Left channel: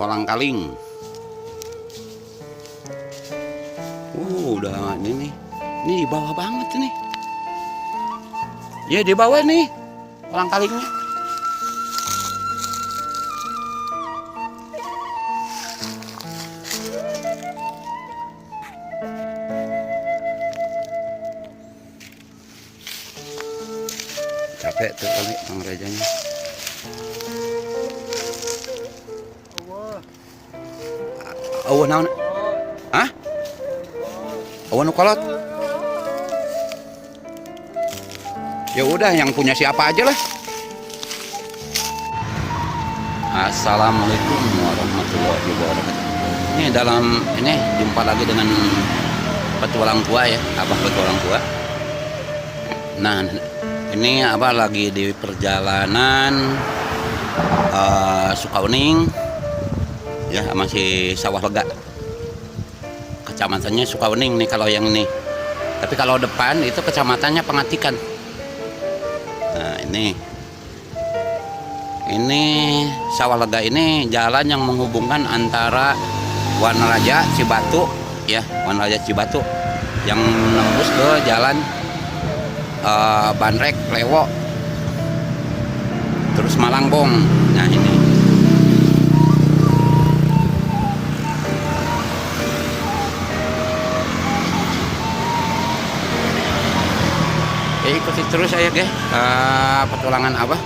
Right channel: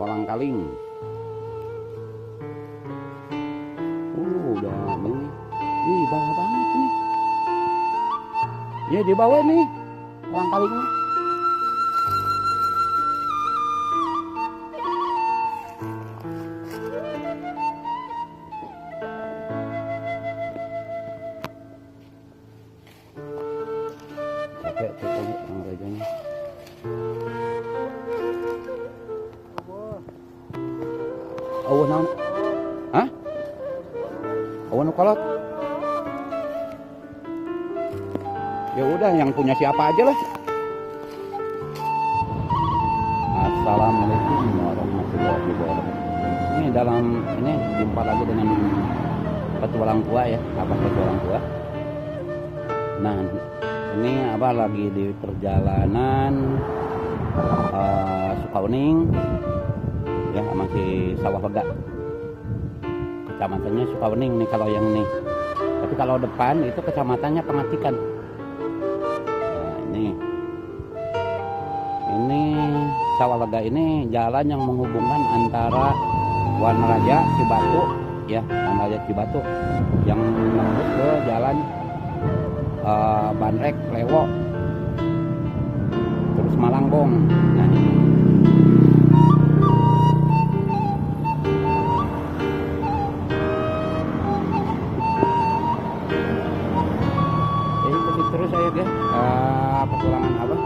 kolang kaling. Udah ini nih. Ini di bawah banget nih. Ya di bawah nih kolang kalingnya. Capek tuh kali Bang Rejanya. Awan naon? Hah? Awan kolot? Ya udah yang punya siapa aja lah. Assalamualaikum warahmatullahi wabarakatuh. Ini jumpa lagi dengan petualang tua ya, Abah petualang tua. Nah, ini Abah lagi di perjalanan Sukauning ya, masih Sawah Lega. Kecamatannya Sukauning nih kalau yang ini. Tapi kalau depan itu kecamatannya Pengatikan. Nah, ini Sawah Lega ini jalan yang menghubungkan antara Wanaraja Cibatu ya, Wanaraja Cibatu yang menembus ke jalan Bandrek Lewo terus Malangbong. Nah ini ikuti terus saya guys petualangan Abah.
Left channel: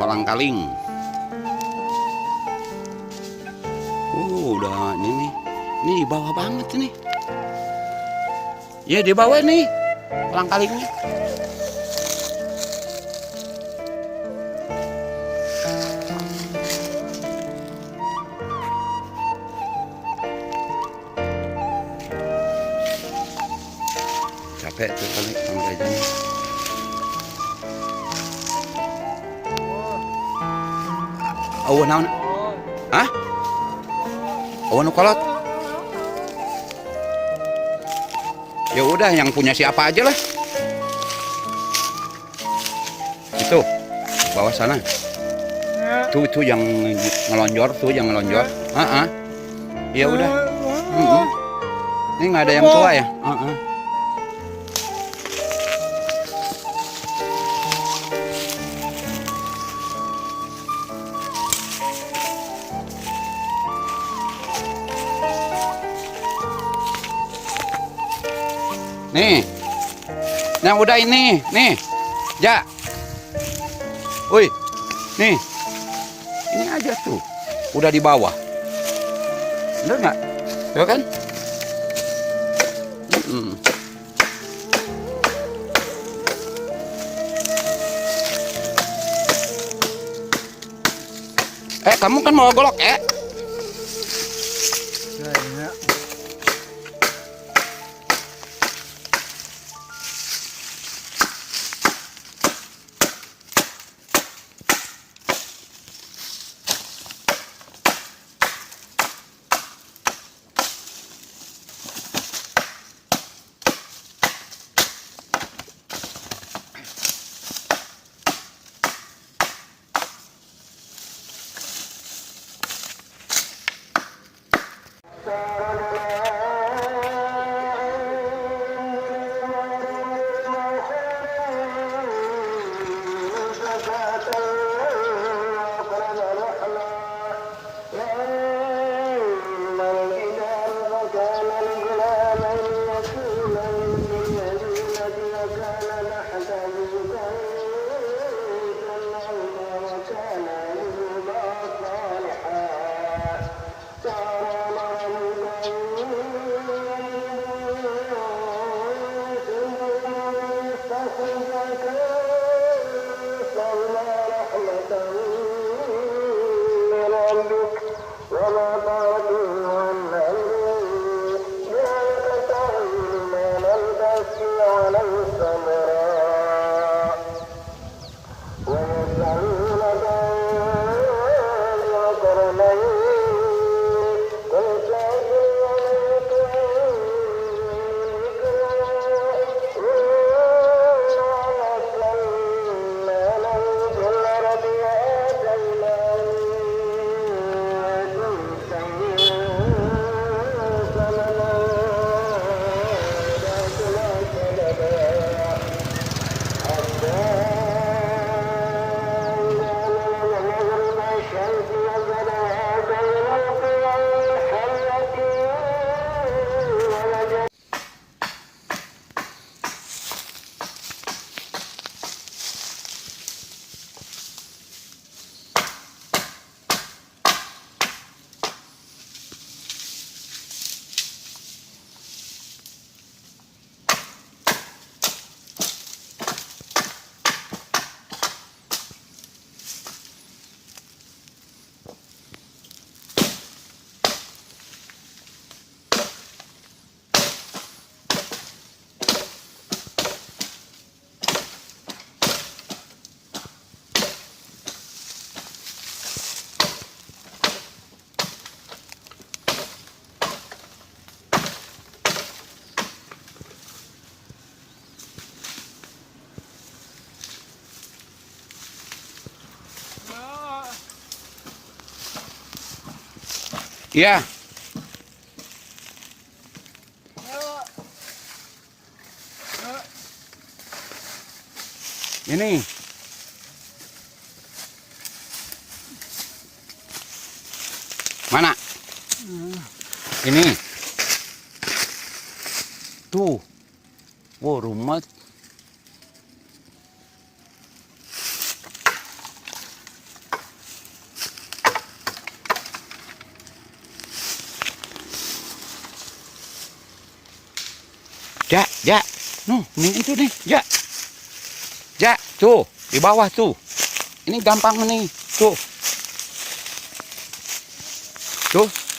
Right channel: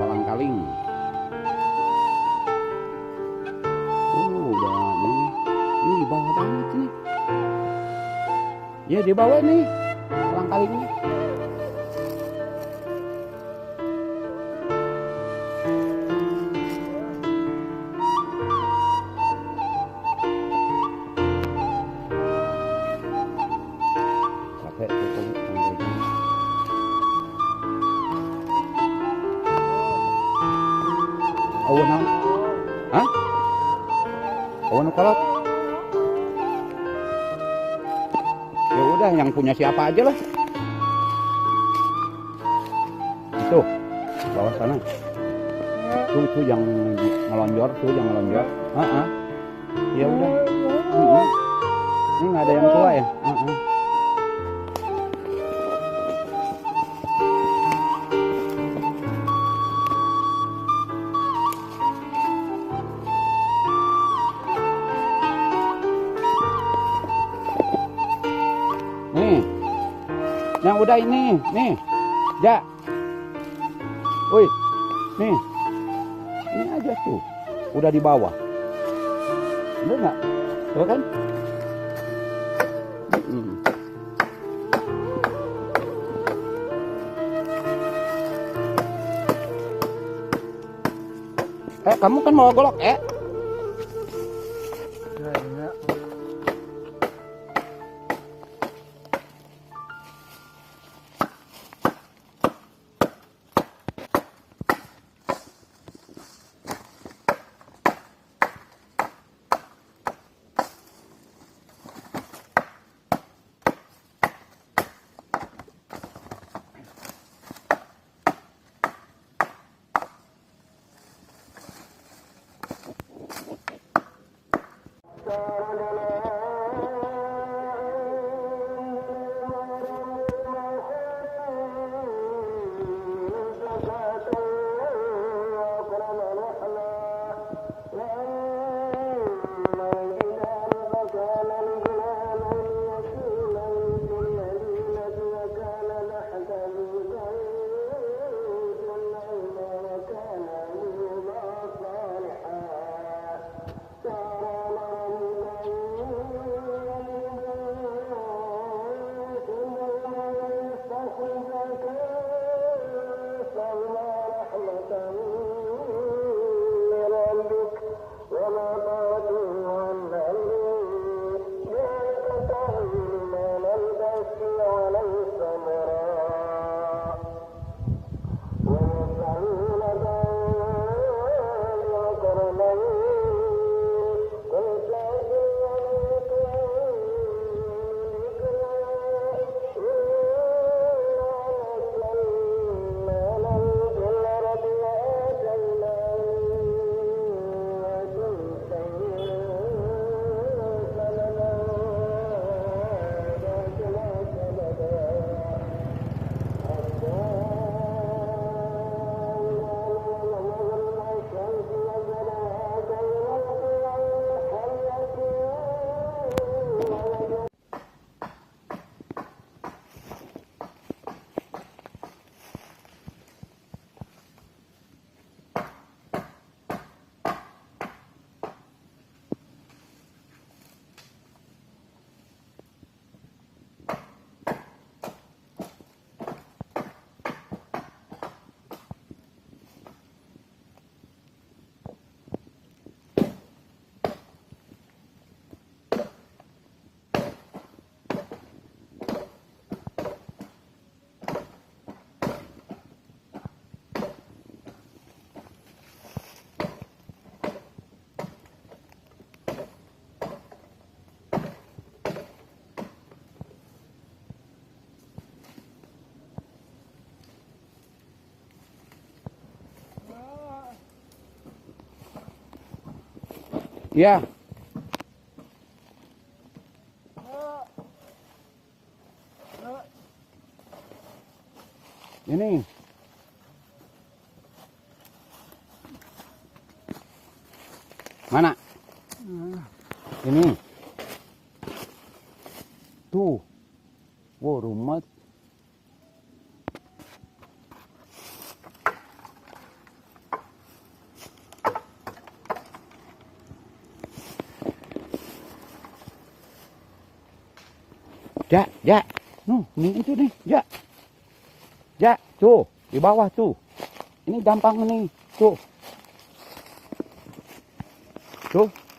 Kolang kaling. Udah ini nih. Ini di bawah banget nih. Ya di bawah nih kolang kalingnya. Capek tuh kali Bang Rejanya. Awan naon? Hah? Awan kolot? Ya udah yang punya siapa aja lah. Itu bawah sana. Tuh yang ngelonjor, Ya udah. Ini nggak ada yang tua ya? Nih, yang udah ini, nih, Ja, woi, nih, ini aja tuh, udah di bawah, bener nggak? Ya kan? Kamu kan mau golok, Iya. Ini. Mana? Ini. Tuh. Wow, rumet. Ja. No, ini itu nih, Ja. Ja, tuh, di bawah tuh. Ini gampang nih, tuh. Tuh.